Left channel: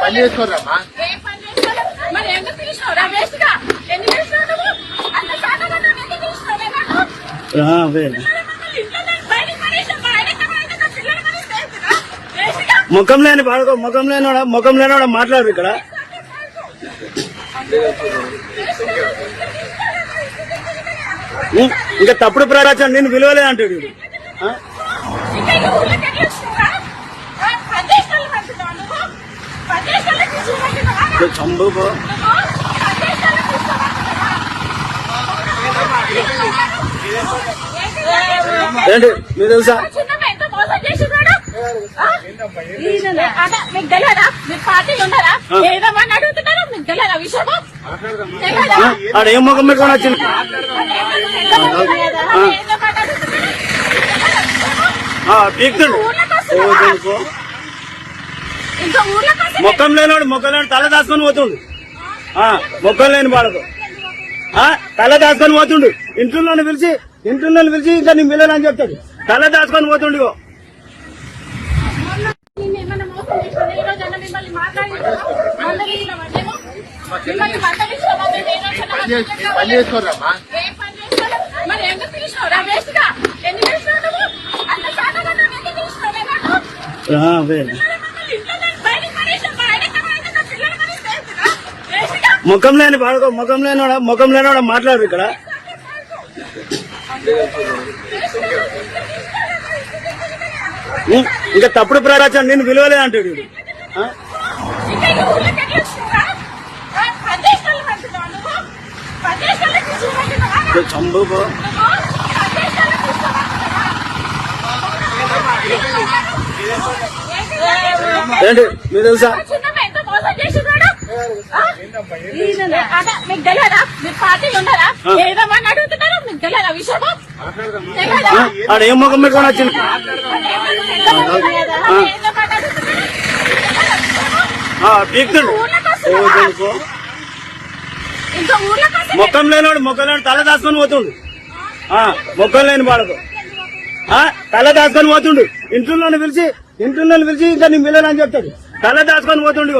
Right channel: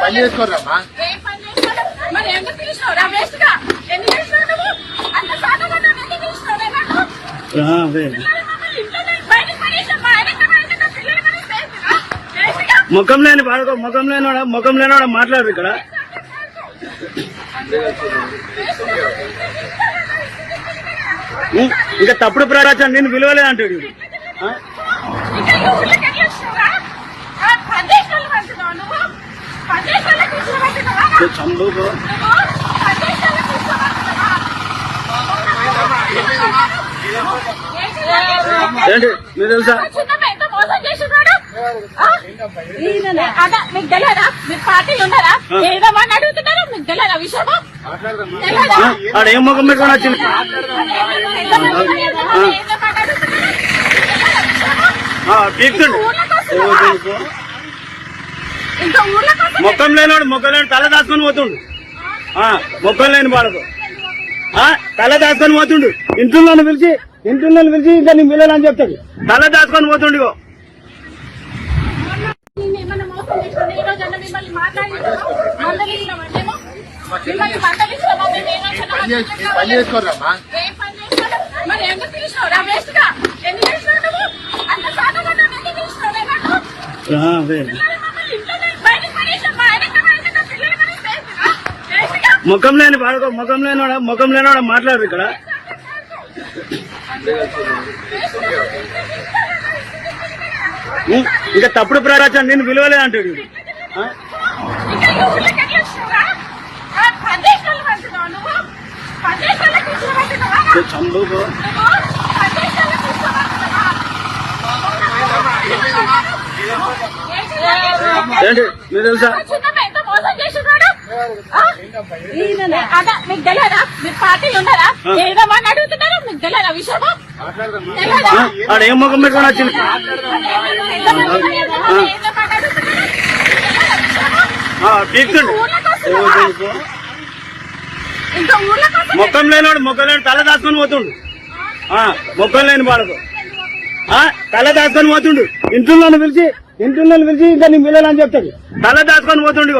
పని చేసుకోరమ్మా. ముఖం లేనివాడు మాట్లాడరు ఇక్కడ. ఇంకా తప్పుడు ప్రచారం నేను విలువలే అంటాడు ఇది. చంబు ఏంటి మీరు తెలుసా? మీకు తెలియదా? మీరు పార్టీలు ఉన్నారా? ఏదో అని అడుగుతున్నారా? మీకు తెలియదా విషయం? ఆడ ఏం ముఖం మీద వచ్చింది? మొక్కం లేనివాడు తల దాచుకొని పోతుండు. మొక్కం లేని వాడకు తల దాచుకొని పోతుండు. ఇంట్లో పిలిచి ఇంకా నీ పిల్లలని చెప్తాడు. తల దాచుకొని పోతుండు. పని చేసుకోరమ్మా. ముఖం లేనివాడు మాట్లాడరు ఇక్కడ. ఇంకా తప్పుడు ప్రచారం నేను విలువలే అంటాడు ఇది. చంబు ఏంటి మీరు తెలుసా? మీకు తెలియదా? మీరు పార్టీలు ఉన్నారా? ఏదో అని అడుగుతున్నారా? మీకు తెలియదా విషయం? ఆడ ఏం ముఖం మీద వచ్చింది? మొక్కం లేనివాడు తల దాచుకొని పోతుండు. మొక్కం లేని వాడకు తల దాచుకొని పోతుండు. ఇంట్లో పిలిచి ఇంకా నీ పిల్లలని చెప్తాడు. తల దాచుకొని పోతుండు.